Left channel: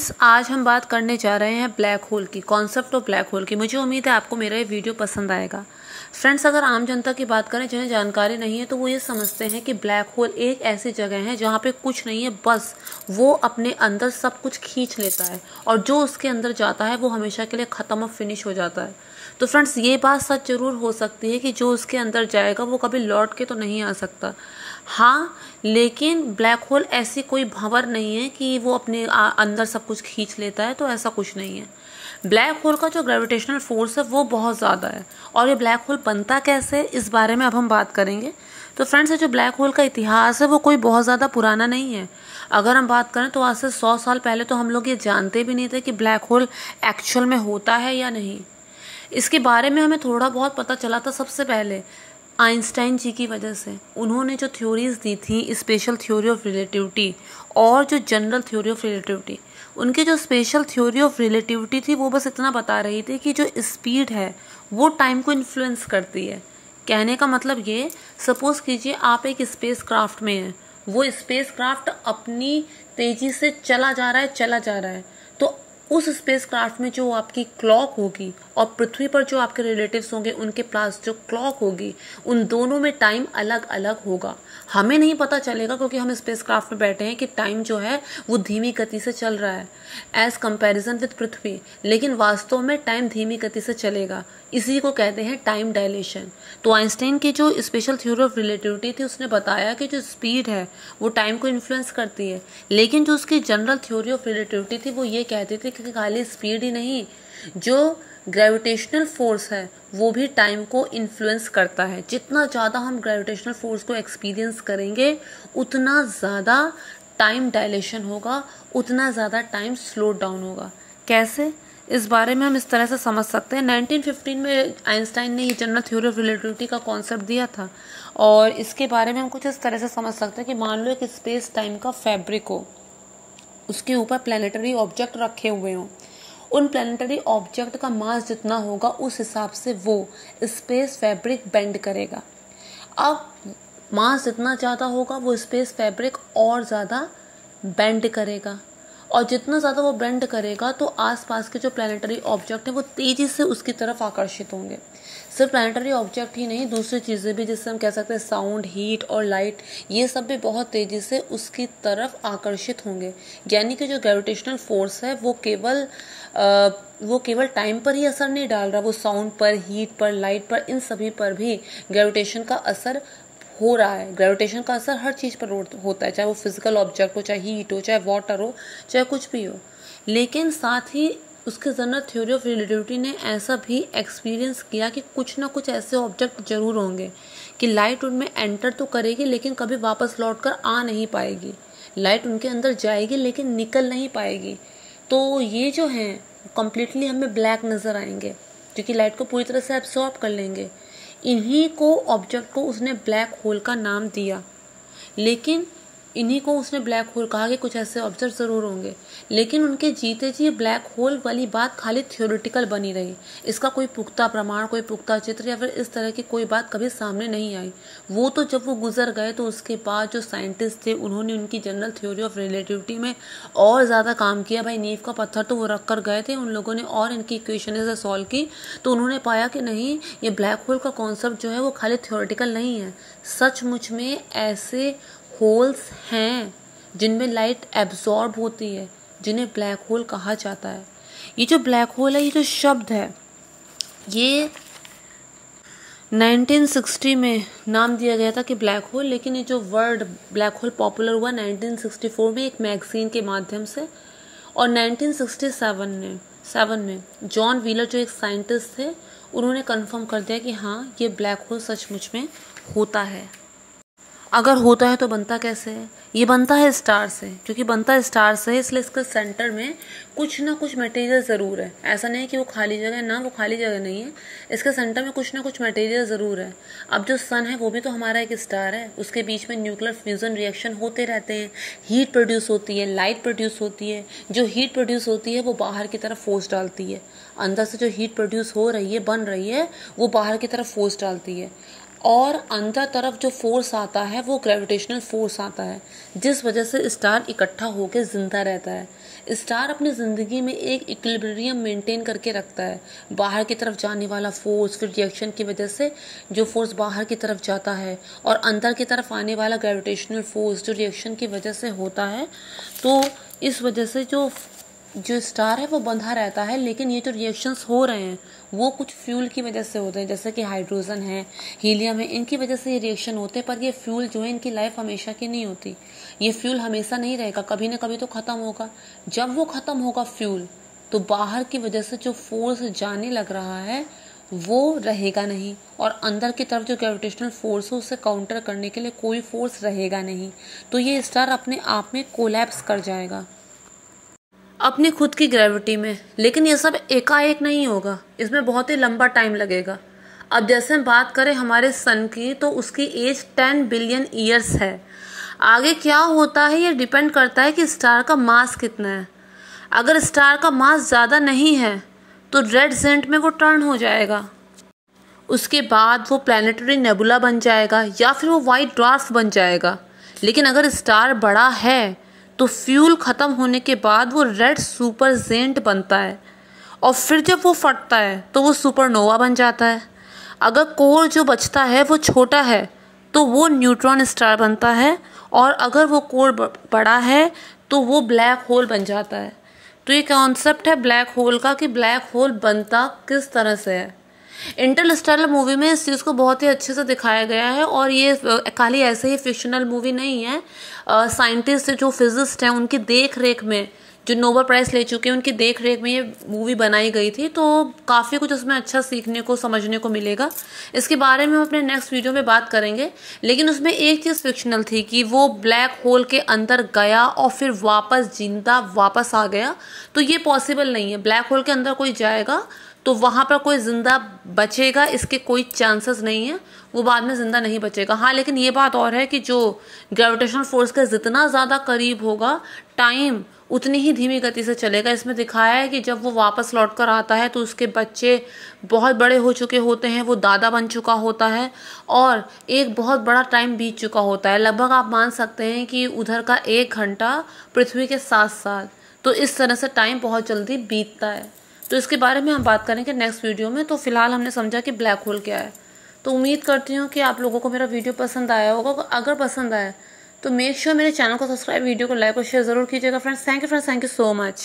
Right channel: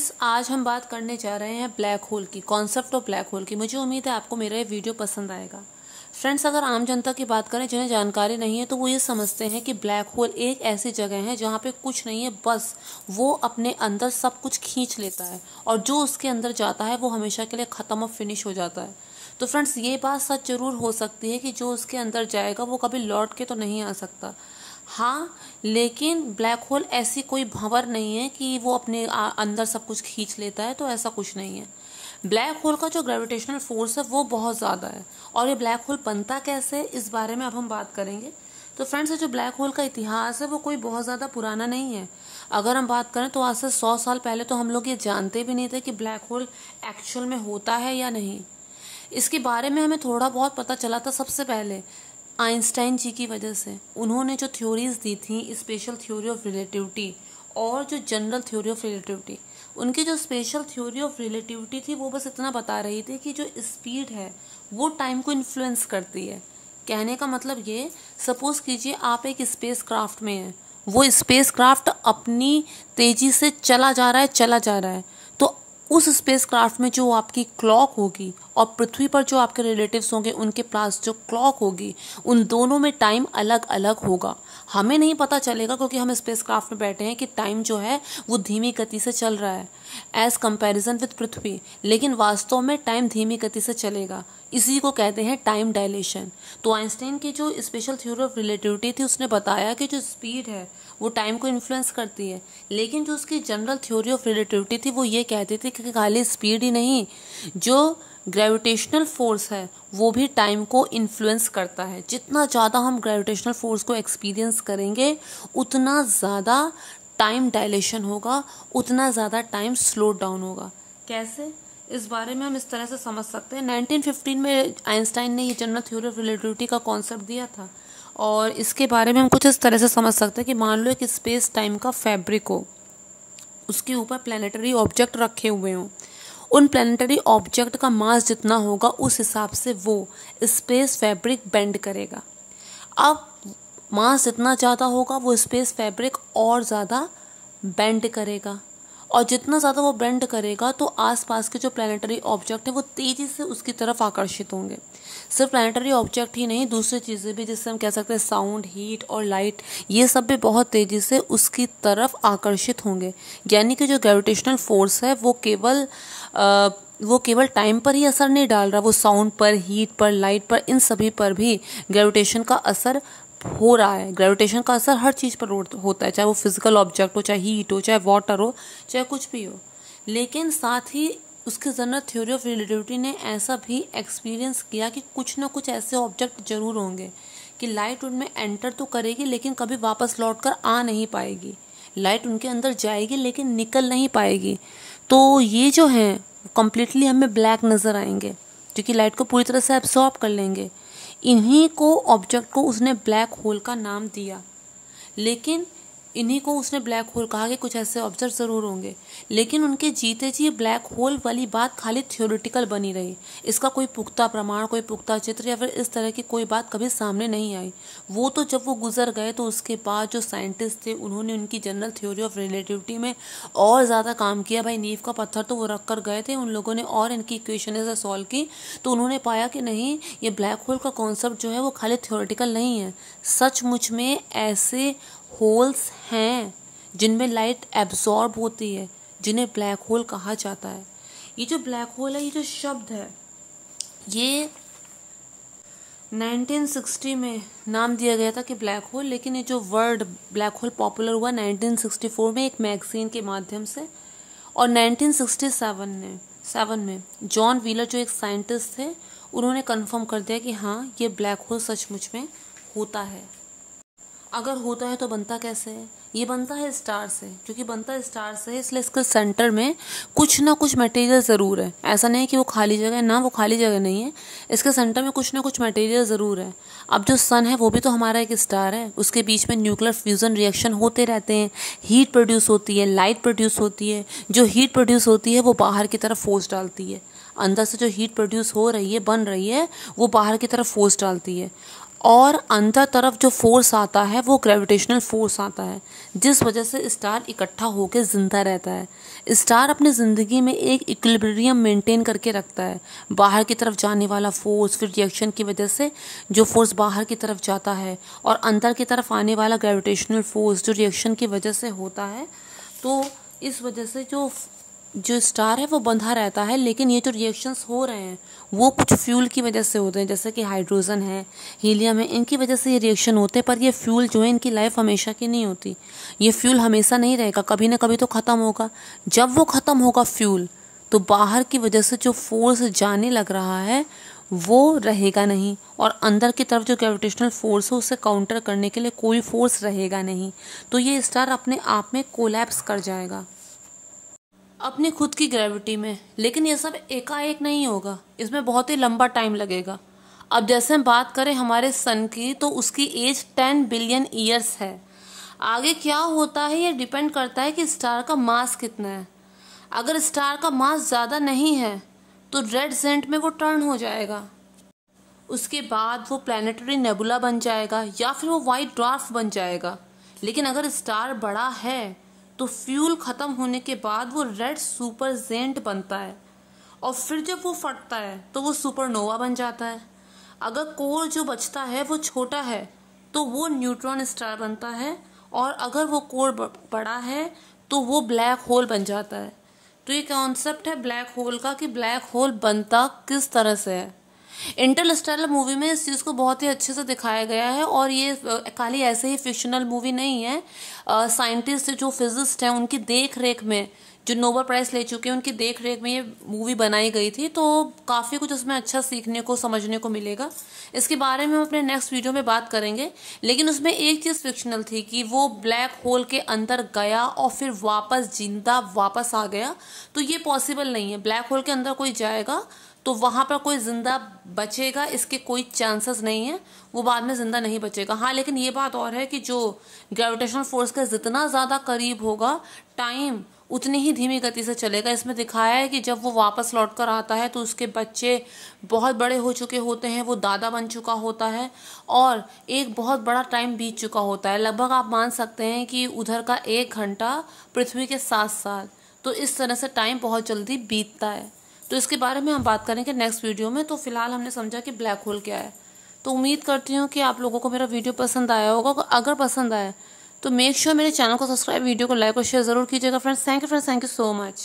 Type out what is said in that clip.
Friends, आज हम बात करने जा रहे हैं ब्लैक होल की, कॉन्सेप्ट ऑफ ब्लैक होल की। मुझे उम्मीद है आपको मेरा ये वीडियो पसंद आएगा। फ्रेंड्स, अगर आम जनता की बात करें जिन्हें जानकारी नहीं है तो वो ये समझते हैं कि ब्लैक होल एक ऐसी जगह है जहाँ पे कुछ नहीं है, बस वो अपने अंदर सब कुछ खींच लेता है और जो उसके अंदर जाता है वो हमेशा के लिए ख़त्म और फिनिश हो जाता है। तो फ्रेंड्स, ये बात सच जरूर हो सकती है कि जो उसके अंदर जाएगा वो कभी लौट के तो नहीं आ सकता। हाँ, लेकिन ब्लैक होल ऐसी कोई भंवर नहीं है कि वो अपने अंदर सब कुछ खींच लेता है, तो ऐसा कुछ नहीं है। ब्लैक होल का जो ग्रेविटेशनल फोर्स है वो बहुत ज़्यादा है। और ये ब्लैक होल बनता कैसे, इस बारे में अब हम बात करेंगे। तो फ्रेंड्स, ये जो ब्लैक होल का इतिहास है वो कोई बहुत ज़्यादा पुराना नहीं है। अगर हम बात करें तो आज से 100 साल पहले तो हम लोग ये जानते भी नहीं थे कि ब्लैक होल एक्चुअल में होता है या नहीं। इसके बारे में हमें थोड़ा बहुत पता चला था सबसे पहले आइंस्टाइन जी की वजह से। उन्होंने जो थ्योरीज दी थी, स्पेशल थ्योरी ऑफ रिलेटिविटी और जो जनरल थ्योरी ऑफ रिलेटिविटी, उनकी जो स्पेशल थ्योरी ऑफ रिलेटिविटी थी वो बस इतना बता रही थी कि जो स्पीड है वो टाइम को इन्फ्लुएंस करती है। कहने का मतलब ये, सपोज कीजिए आप एक स्पेस क्राफ्ट में हैं, वो स्पेस क्राफ्ट अपनी तेजी से चला जा रहा है, तो उस स्पेस क्राफ्ट में जो आपकी क्लॉक होगी और पृथ्वी पर जो आपके रिलेटिव्स होंगे उनके पास जो क्लॉक होगी, उन दोनों में टाइम अलग अलग होगा। हमें नहीं पता चलेगा क्योंकि हम स्पेस क्राफ्ट में बैठे हैं कि टाइम जो है वो धीमी गति से चल रहा है एज कंपैरिजन विद पृथ्वी, लेकिन वास्तव में टाइम धीमी गति से चलेगा। इसी को कहते हैं टाइम डायलेशन। तो आइंस्टाइन की जो स्पेशल थ्योरी ऑफ रिलेटिविटी थी उसने बताया कि जो स्पीड है वो टाइम को इन्फ्लुएंस करती है, लेकिन जो उसकी जनरल थ्योरी ऑफ रिलेटिविटी थी वो ये कहती थी कि खाली स्पीड ही नहीं, जो ग्रेविटेशनल फोर्स है वो भी टाइम को इन्फ्लुएंस करता है। जितना ज़्यादा हम ग्रेविटेशनल फोर्स को एक्सपीरियंस करेंगे उतना ज़्यादा टाइम डायलेशन होगा, उतना ज़्यादा टाइम स्लो डाउन होगा। कैसे, इस बारे में हम इस तरह से समझ सकते हैं। 1915 में आइंस्टाइन ने ये जनरल थ्योरी ऑफ रिलेटिविटी का कॉन्सेप्ट दिया था और इसके बारे में हम कुछ इस तरह से समझ सकते हैं कि मान लो एक स्पेस टाइम का फैब्रिक हो, उसके ऊपर प्लैनेटरी ऑब्जेक्ट रखे हुए हों, उन प्लैनेटरी ऑब्जेक्ट का मास जितना होगा उस हिसाब से वो स्पेस फैब्रिक बेंड करेगा। अब मास जितना ज़्यादा होगा वो स्पेस फैब्रिक और ज़्यादा बेंड करेगा, और जितना ज़्यादा वो बेंड करेगा तो आसपास के जो प्लैनेटरी ऑब्जेक्ट है वो तेज़ी से उसकी तरफ आकर्षित होंगे। सिर्फ प्लैनेटरी ऑब्जेक्ट ही नहीं, दूसरी चीज़ें भी जिससे हम कह सकते हैं साउंड, हीट और लाइट, ये सब भी बहुत तेज़ी से उसकी तरफ आकर्षित होंगे। यानी कि जो ग्रेविटेशनल फोर्स है वो केवल टाइम पर ही असर नहीं डाल रहा, वो साउंड पर, हीट पर, लाइट पर, इन सभी पर भी ग्रेविटेशन का असर हो रहा है। ग्रेविटेशन का असर हर चीज़ पर होता है, चाहे वो फिजिकल ऑब्जेक्ट हो, चाहे हीट हो, चाहे वाटर हो, चाहे कुछ भी हो। लेकिन साथ ही उसके जनरल थ्योरी ऑफ रिलेटिविटी ने ऐसा भी एक्सपीरियंस किया कि कुछ ना कुछ ऐसे ऑब्जेक्ट जरूर होंगे कि लाइट उनमें एंटर तो करेगी लेकिन कभी वापस लौट कर आ नहीं पाएगी। लाइट उनके अंदर जाएगी लेकिन निकल नहीं पाएगी। तो ये जो है कम्प्लीटली हमें ब्लैक नज़र आएंगे क्योंकि लाइट को पूरी तरह से एब्सॉर्ब कर लेंगे। इन्हीं को ऑब्जेक्ट को उसने ब्लैक होल का नाम दिया, लेकिन इन्हीं को उसने ब्लैक होल कहा कि कुछ ऐसे ऑब्जेक्ट ज़रूर होंगे, लेकिन उनके जीते जी ब्लैक होल वाली बात खाली थ्योरेटिकल बनी रही। इसका कोई पुख्ता प्रमाण, कोई पुख्ता चित्र या फिर इस तरह की कोई बात कभी सामने नहीं आई। वो तो जब वो गुजर गए तो उसके बाद जो साइंटिस्ट थे उन्होंने उनकी जनरल थ्योरी ऑफ रिलेटिविटी में और ज़्यादा काम किया। भाई, नींव का पत्थर तो वो रख कर गए थे, उन लोगों ने और इनकी इक्वेशन सॉल्व की तो उन्होंने पाया कि नहीं, ये ब्लैक होल का कॉन्सेप्ट जो है वो खाली थ्योरेटिकल नहीं है, सचमुच में ऐसे होल्स हैं जिनमें लाइट एब्सॉर्ब होती है, जिन्हें ब्लैक होल कहा जाता है। ये जो ब्लैक होल है, ये जो शब्द है, ये 1960 में नाम दिया गया था कि ब्लैक होल, लेकिन ये जो वर्ड ब्लैक होल पॉपुलर हुआ 1964 में एक मैगजीन के माध्यम से, और 1967 में जॉन व्हीलर जो एक साइंटिस्ट थे उन्होंने कंफर्म कर दिया कि हाँ, ये ब्लैक होल सचमुच में होता है। अगर होता है तो बनता कैसे है? ये बनता है स्टार से, क्योंकि बनता है स्टार से इसलिए इसका सेंटर में कुछ ना कुछ मटेरियल ज़रूर है। ऐसा नहीं कि वो खाली जगह है, ना वो खाली जगह नहीं है, इसके सेंटर में कुछ ना कुछ मटेरियल ज़रूर है। अब जो सन है वो भी तो हमारा एक स्टार है, उसके बीच में न्यूक्लियर फ्यूजन रिएक्शन होते रहते हैं, हीट प्रोड्यूस होती है, लाइट प्रोड्यूस होती है। जो हीट प्रोड्यूस होती है वो बाहर की तरफ फोर्स डालती है, अंदर से जो हीट प्रोड्यूस हो रही है, बन रही है, वो बाहर की तरफ फोर्स डालती है। और अंदर तरफ जो फोर्स आता है वो ग्रेविटेशनल फोर्स आता है, जिस वजह से स्टार इकट्ठा होकर जिंदा रहता है। स्टार अपनी ज़िंदगी में एक इक्विलिब्रियम मेंटेन करके रखता है। बाहर की तरफ जाने वाला फोर्स, फिर रिएक्शन की वजह से जो फोर्स बाहर की तरफ जाता है, और अंदर की तरफ आने वाला ग्रेविटेशनल फोर्स जो रिएक्शन की वजह से होता है। तो इस वजह से जो स्टार है वो बंधा रहता है। लेकिन ये जो रिएक्शंस हो रहे हैं वो कुछ फ्यूल की वजह से होते हैं, जैसे कि हाइड्रोजन है, हीलियम है, इनकी वजह से ये रिएक्शन होते हैं। पर ये फ्यूल जो है इनकी लाइफ हमेशा की नहीं होती। ये फ्यूल हमेशा नहीं रहेगा, कभी ना कभी तो ख़त्म होगा। जब वो ख़त्म होगा फ्यूल, तो बाहर की वजह से जो फोर्स जाने लग रहा है वो रहेगा नहीं, और अंदर की तरफ जो ग्रेविटेशनल फोर्स है उसे काउंटर करने के लिए कोई फोर्स रहेगा नहीं। तो ये स्टार अपने आप में कोलैप्स कर जाएगा अपनी खुद की ग्रेविटी में। लेकिन ये सब एकाएक नहीं होगा, इसमें बहुत ही लंबा टाइम लगेगा। अब जैसे हम बात करें हमारे सन की, तो उसकी एज 10 बिलियन ईयर्स है। आगे क्या होता है ये डिपेंड करता है कि स्टार का मास कितना है। अगर स्टार का मास ज़्यादा नहीं है तो रेड जेंट में वो टर्न हो जाएगा। उसके बाद वो प्लैनेटरी नेबुला बन जाएगा या फिर वो वाइट ड्वार्फ बन जाएगा। लेकिन अगर स्टार बड़ा है तो फ्यूल ख़त्म होने के बाद वो रेड सुपर जेंट बनता है, और फिर जब वो फटता है तो वो सुपरनोवा बन जाता है। अगर कोर जो बचता है वो छोटा है तो वो न्यूट्रॉन स्टार बनता है, और अगर वो कोर बड़ा है तो वो ब्लैक होल बन जाता है। तो ये कॉन्सेप्ट है ब्लैक होल का कि ब्लैक होल बनता किस तरह से है। इंटरस्टेलर मूवी में इस चीज़ को बहुत ही अच्छे से दिखाया गया है। और ये खाली ऐसे ही फिक्शनल मूवी नहीं है। साइंटिस्ट जो फिजिस्ट हैं उनकी देख रेख में, जो नोबेल प्राइज ले चुके हैं उनकी देख रेख में ये मूवी बनाई गई थी। तो काफ़ी कुछ उसमें अच्छा सीखने को, समझने को मिलेगा। इसके बारे में हम अपने नेक्स्ट वीडियो में बात करेंगे। लेकिन उसमें एक चीज़ फिक्शनल थी कि वो ब्लैक होल के अंदर गया और फिर वापस जिंदा वापस आ गया। तो ये पॉसिबल नहीं है। ब्लैक होल के अंदर कोई जाएगा तो वहाँ पर कोई जिंदा बचेगा, इसके कोई चांसेस नहीं है। वो बाद में जिंदा नहीं बचेगा। हाँ, लेकिन ये बात और है कि जो ग्रेविटेशनल फोर्स के जितना ज़्यादा करीब होगा, टाइम उतनी ही धीमी गति से चलेगा। इसमें दिखाया है कि जब वो वापस लौट कर आता है तो उसके बच्चे बहुत बड़े हो चुके होते हैं, वो दादा बन चुका होता है, और एक बहुत बड़ा टाइम बीत चुका होता है। लगभग आप मान सकते हैं कि उधर का 1 घंटा पृथ्वी के 7 साल। तो इस तरह से टाइम बहुत जल्दी बीतता है। तो इसके बारे में हम बात करेंगे नेक्स्ट वीडियो में। तो फिलहाल हमने समझा कि ब्लैक होल क्या है। तो उम्मीद करती हूँ कि आप लोगों को मेरा वीडियो पसंद आया होगा। अगर पसंद आया तो मेक श्योर मेरे चैनल को सब्सक्राइब, वीडियो को लाइक और शेयर जरूर कीजिएगा friends. Thank you so much.